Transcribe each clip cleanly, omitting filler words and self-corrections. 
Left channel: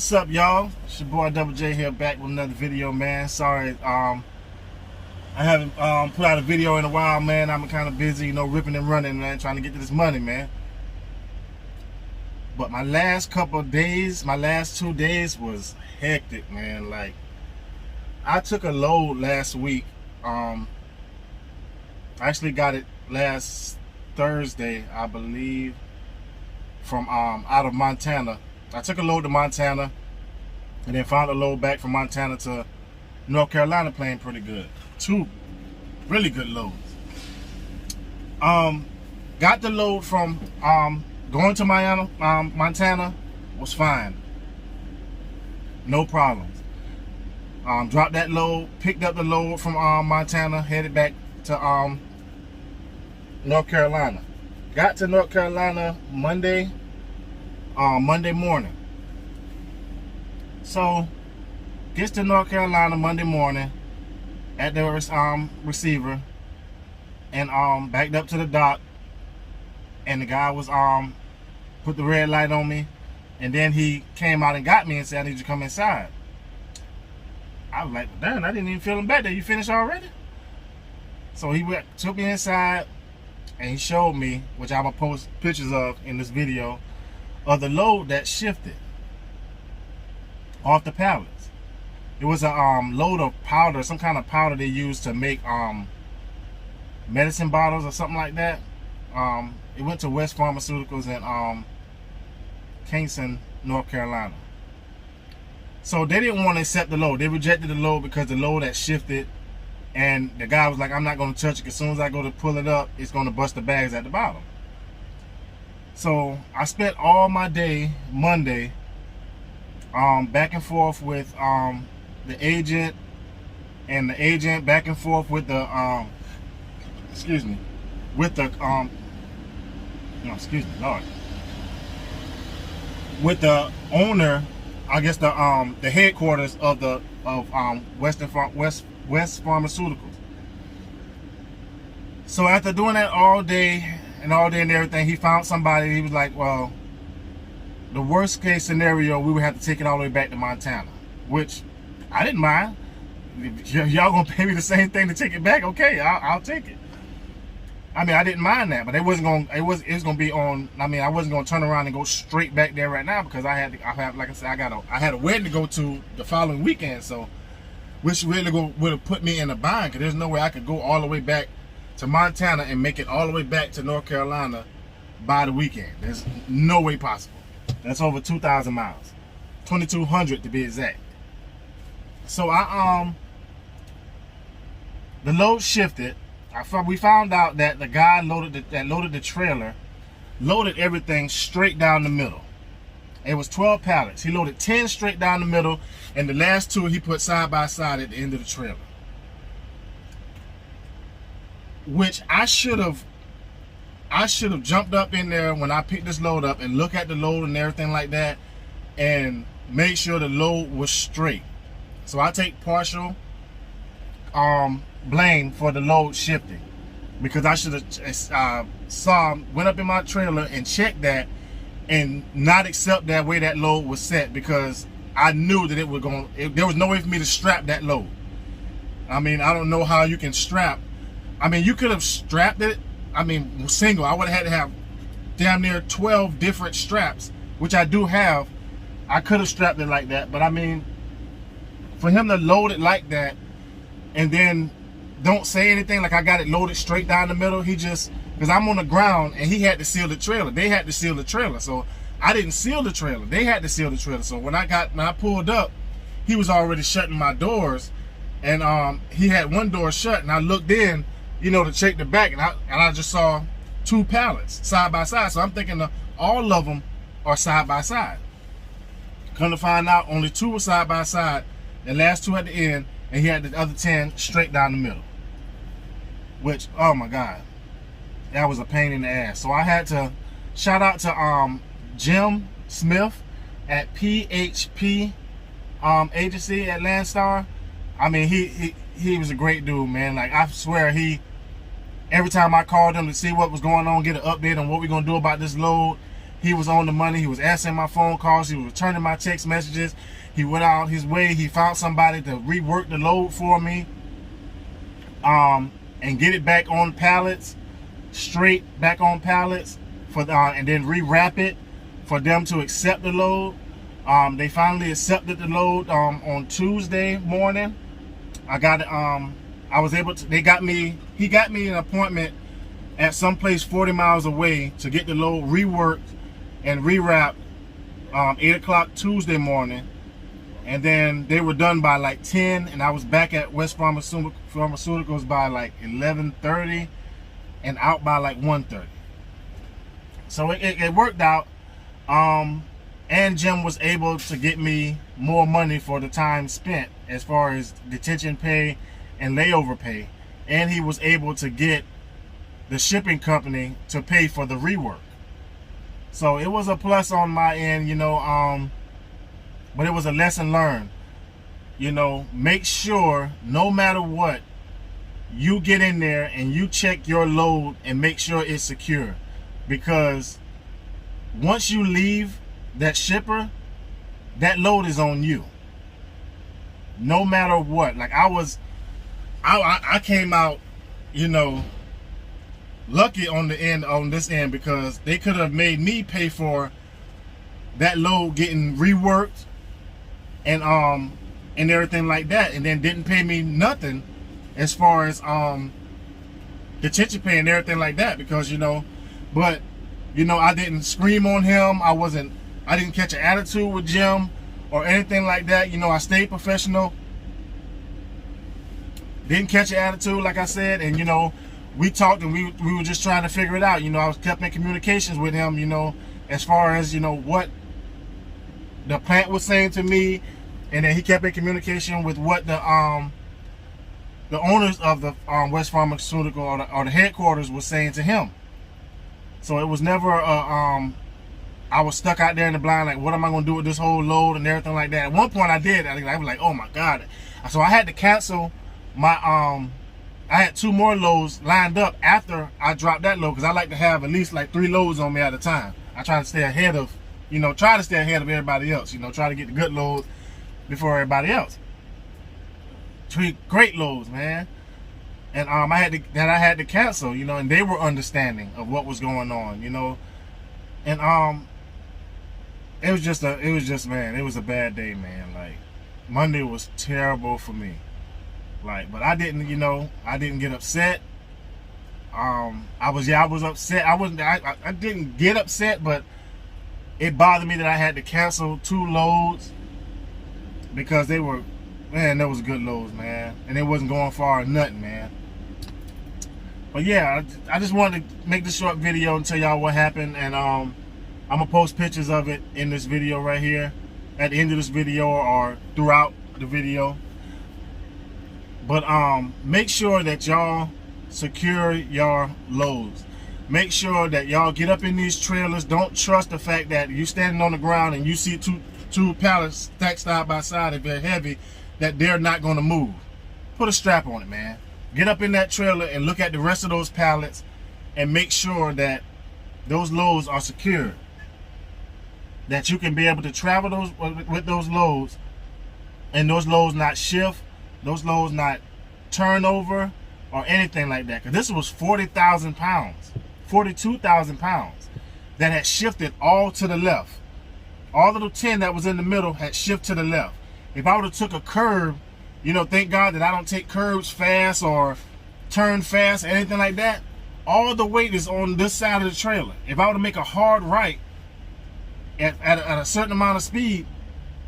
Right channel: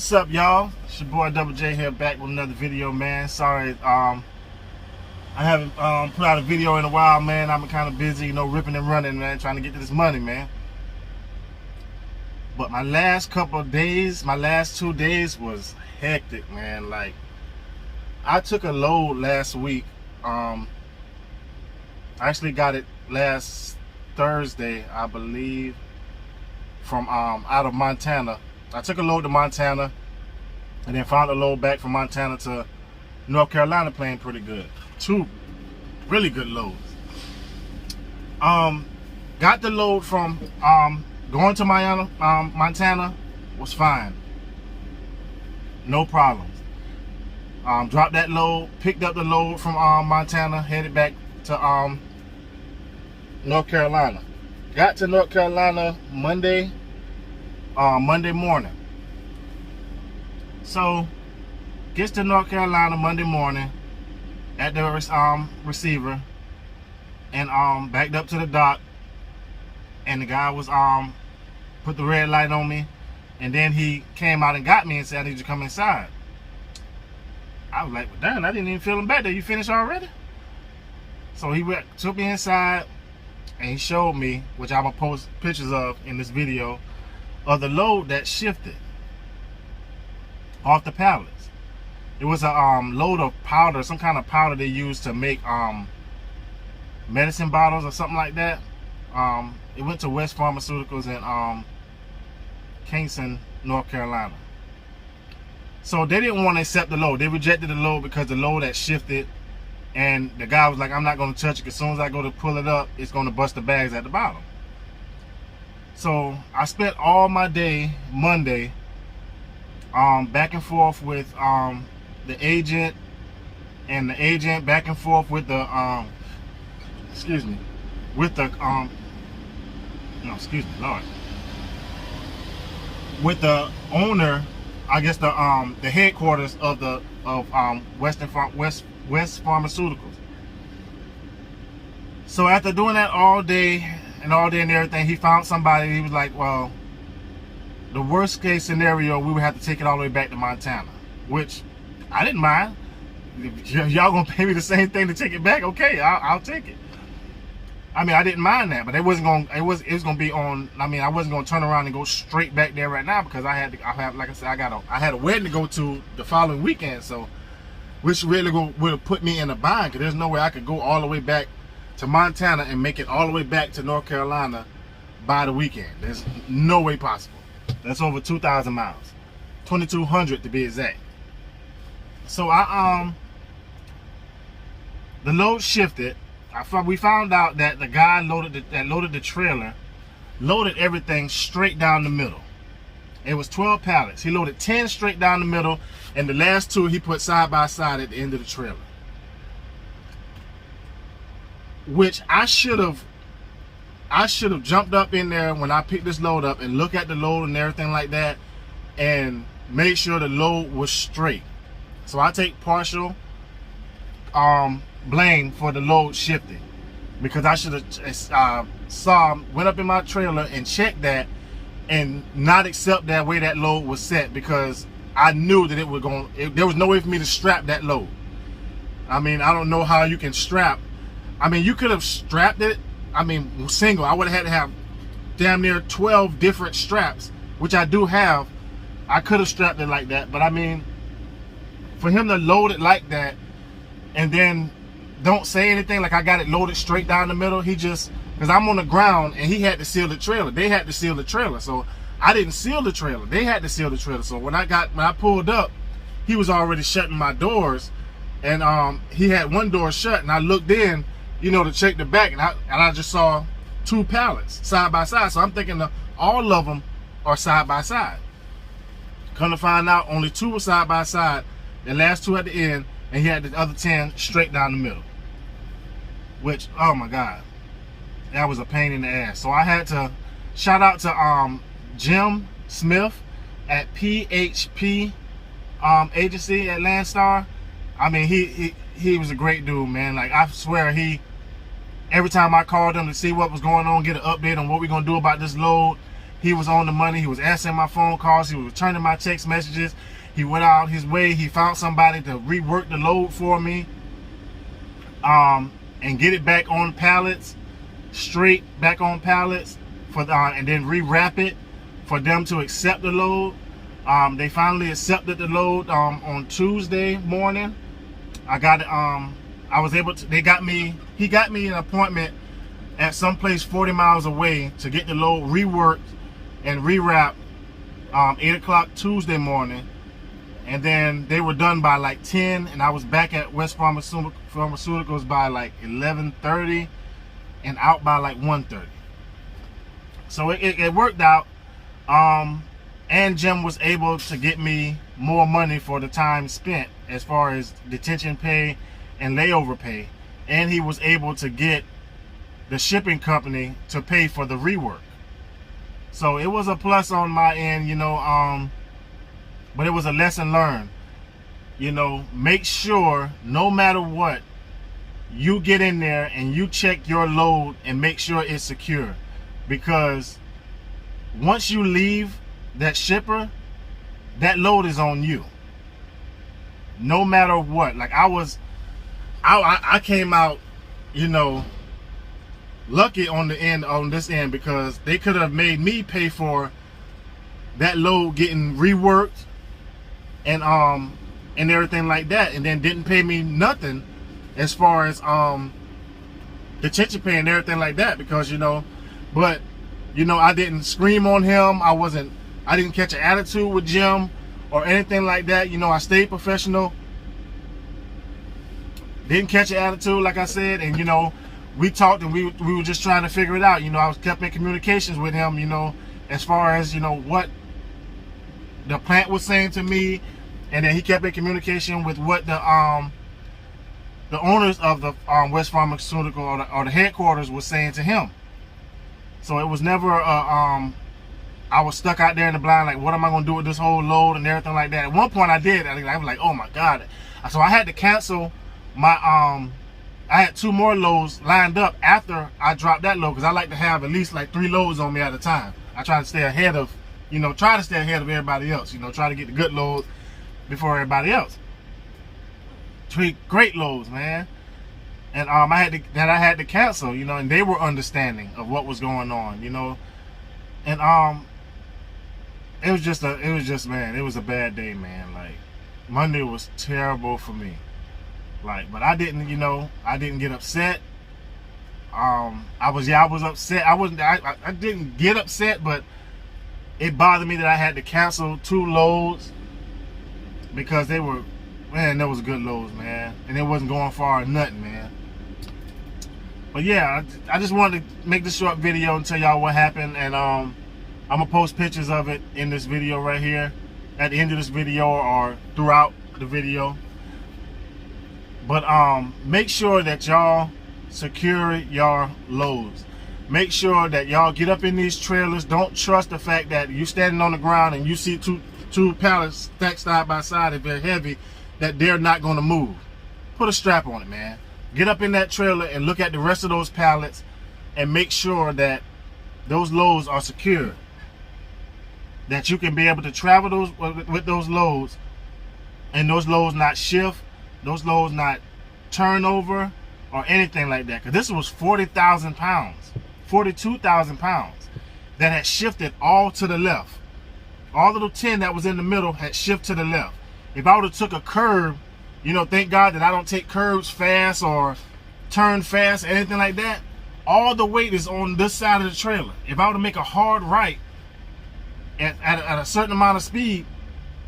What's up, y'all? It's your boy Double J here, back with another video, man. Sorry, I haven't put out a video in a while, man. I'm kind of busy, you know, ripping and running, man, trying to get to this money, man. But my last couple of days, my last 2 days was hectic, man. Like, I took a load last week. I actually got it last Thursday, I believe, from out of Montana. I took a load to Montana and then found a load back from Montana to North Carolina, playing pretty good. 2 really good loads. Got the load from going to Montana was fine. No problems. Dropped that load, picked up the load from Montana, headed back to North Carolina. Got to North Carolina Monday morning. So gets to North Carolina Monday morning at the receiver, and backed up to the dock, and the guy was put the red light on me, and then he came out and got me and said, I need you to come inside. I was like, well, damn, I didn't even feel him back there. You finished already? So he took me inside, and he showed me, which I'm gonna post pictures of in this video, of the load that shifted off the pallets. It was a load of powder, some kind of powder they use to make medicine bottles or something like that. It went to West Pharmaceuticals in Kingston, North Carolina. So they didn't want to accept the load. They rejected the load because the load had shifted, and the guy was like, I'm not going to touch it. As soon as I go to pull it up, it's going to bust the bags at the bottom. So I spent all my day Monday back and forth with the agent, and the agent back and forth with the with the owner, I guess the headquarters of West Pharmaceuticals. So after doing that all day and everything, he found somebody. He was like, well, the worst case scenario, we would have to take it all the way back to Montana, which I didn't mind. Y'all gonna pay me the same thing to take it back? Okay, I'll take it. I mean, I didn't mind that, but it was gonna be on. I mean, I wasn't gonna turn around and go straight back there right now, because I had, like I said, I had a wedding to go to the following weekend, so which really would have put me in a bind, because there's no way I could go all the way back to Montana and make it all the way back to North Carolina by the weekend. There's no way possible. That's over 2,000 miles, 2,200 to be exact. So the load shifted. We found out that the guy that loaded the trailer loaded everything straight down the middle. It was 12 pallets. He loaded 10 straight down the middle, and the last 2 he put side by side at the end of the trailer. Which I should have jumped up in there when I picked this load up and look at the load and everything like that, and make sure the load was straight. So I take partial blame for the load shifting, because I should have went up in my trailer and checked that, and not accept that way that load was set, because I knew that there was no way for me to strap that load. I mean, I don't know how you can strap. I mean, you could have strapped it. I mean, single. I would have had to have damn near 12 different straps, which I do have. I could have strapped it like that, but I mean, for him to load it like that and then don't say anything, like I got it loaded straight down the middle, because I'm on the ground and he had to seal the trailer. They had to seal the trailer, so I didn't seal the trailer. They had to seal the trailer. So when I pulled up, he was already shutting my doors, and he had one door shut, and I looked in, you know, to check the back, and I just saw 2 pallets side by side. So I'm thinking all of them are side by side. Come to find out, only 2 were side by side, the last 2 at the end, and he had the other 10 straight down the middle. Which, oh my God, that was a pain in the ass. So I had to shout out to Jim Smith at PHP agency at Landstar. I mean, he was a great dude, man. Like, I swear, every time I called him to see what was going on, get an update on what we're gonna do about this load, he was on the money. He was answering my phone calls. He was returning my text messages. He went out his way. He found somebody to rework the load for me, and get it back on pallets, straight back on pallets, and then rewrap it for them to accept the load. They finally accepted the load on Tuesday morning. I got it. I was able to. He got me an appointment at some place 40 miles away to get the load reworked and rewrapped 8 o'clock Tuesday morning, and then they were done by like 10, and I was back at West Pharmaceuticals by like 11:30 and out by like 1:30. So it worked out. And Jim was able to get me more money for the time spent as far as detention pay and layover pay, and he was able to get the shipping company to pay for the rework. So it was a plus on my end, you know, but it was a lesson learned. You know, make sure no matter what, you get in there and you check your load and make sure it's secure, because once you leave that shipper, that load is on you. No matter what. Like I came out, you know, lucky on this end, because they could have made me pay for that load getting reworked and everything like that, and then didn't pay me nothing as far as detention pay and everything like that, because, you know, but you know, I didn't scream on him. I didn't catch an attitude with Jim or anything like that. You know, I stayed professional. Didn't catch an attitude, like I said, and you know, we talked and we were just trying to figure it out. You know, I was kept in communications with him, you know, as far as, you know, what the plant was saying to me, and then he kept in communication with what the owners of the West Pharmaceutical or the headquarters was saying to him. So it was never I was stuck out there in the blind, like, what am I going to do with this whole load and everything like that. At one point I did. I was like, oh my God. So I had to cancel my, I had 2 more loads lined up after I dropped that load, because I like to have at least like 3 loads on me at a time. I try to stay ahead of, you know, everybody else, you know, try to get the good loads before everybody else. 3 great loads, man. And I had to cancel, you know, and they were understanding of what was going on, you know. And it was just man, it was a bad day, man. Like, Monday was terrible for me. Like, but I didn't, you know, I didn't get upset. I was upset. I didn't get upset, but it bothered me that I had to cancel 2 loads, because they were, man, that was good loads, man, and it wasn't going far or nothing, man. But yeah, I just wanted to make this short video and tell y'all what happened, and I'm gonna post pictures of it in this video right here, at the end of this video or throughout the video. But make sure that y'all secure your loads. Make sure that y'all get up in these trailers. Don't trust the fact that you standing on the ground and you see two pallets stacked side by side, if they're heavy, that they're not gonna move. Put a strap on it, man. Get up in that trailer and look at the rest of those pallets and make sure that those loads are secure, that you can be able to travel with those loads, and those loads not shift, those loads not turn over or anything like that. Because this was 40,000 pounds, 42,000 pounds that had shifted all to the left. All of the 10 that was in the middle had shifted to the left. If I would have took a curve, you know, thank God that I don't take curves fast or turn fast or anything like that. All the weight is on this side of the trailer. If I were to make a hard right at a certain amount of speed,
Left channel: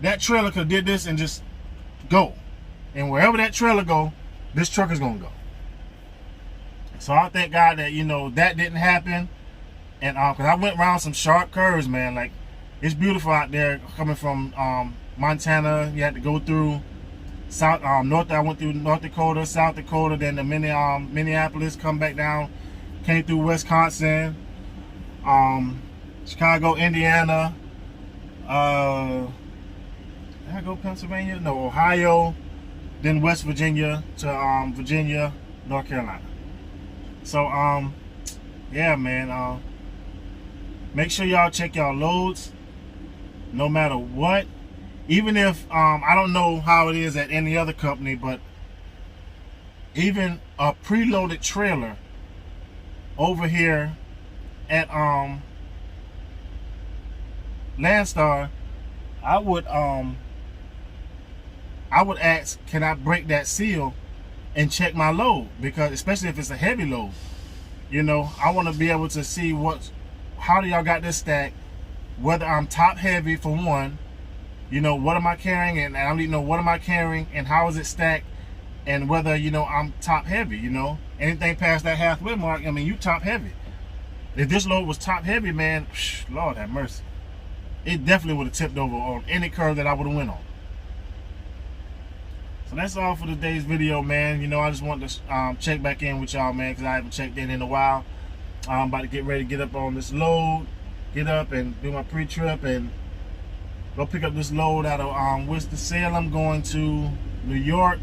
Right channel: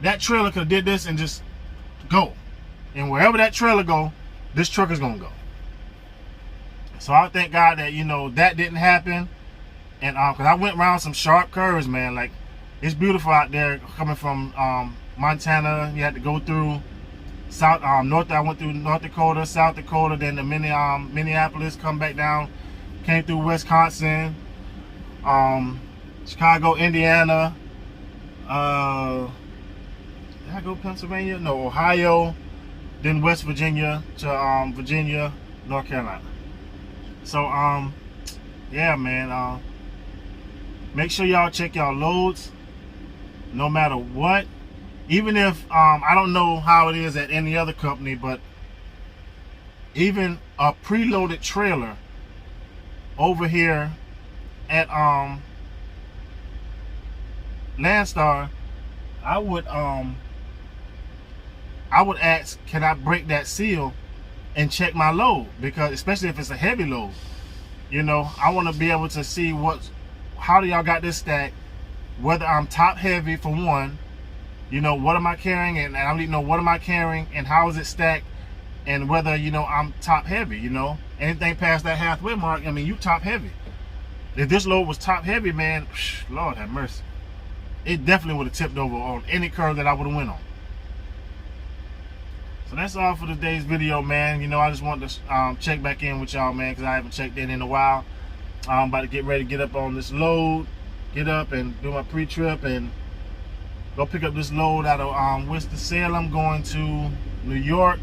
that trailer could have did this and just go. And wherever that trailer go, this truck is gonna go. So I thank God that, you know, that didn't happen. And because I went around some sharp curves, man. Like, it's beautiful out there coming from Montana. You had to go through north. I went through North Dakota, South Dakota, then the Minneapolis, come back down, came through Wisconsin, Chicago, Indiana, did I go Pennsylvania? No, Ohio, then West Virginia to Virginia, North Carolina. So yeah, man, Make sure y'all check y'all loads, no matter what. Even if I don't know how it is at any other company, but even a preloaded trailer over here at Landstar, I would ask, can I break that seal and check my load? Because especially if it's a heavy load, you know, I want to be able to see how do y'all got this stacked, whether I'm top heavy for one, you know, what am I carrying, and I need to know what am I carrying and how is it stacked, and whether, you know, I'm top heavy. You know, anything past that halfway mark, I mean, you top heavy. If this load was top heavy, man, Lord have mercy, it definitely would have tipped over on any curve that I would have went on. So that's all for today's video, man. You know, I just wanted to check back in with y'all, man, because I haven't checked in a while. I'm about to get ready to get up on this load, get up and do my pre-trip and go pick up this load out of Winston-Salem, going to New York.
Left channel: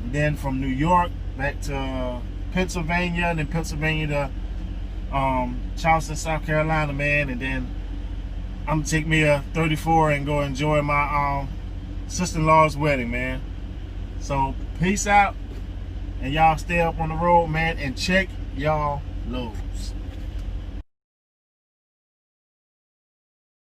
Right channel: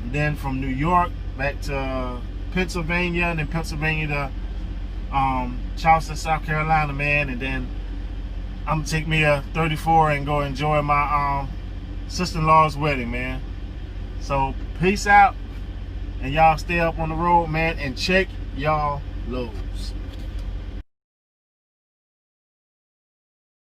And then from New York back to Pennsylvania, and then Pennsylvania to Charleston, South Carolina, man. And then I'm gonna take me a 34 and go enjoy my sister-in-law's wedding, man. So peace out, and y'all stay up on the road, man, and check y'all loads.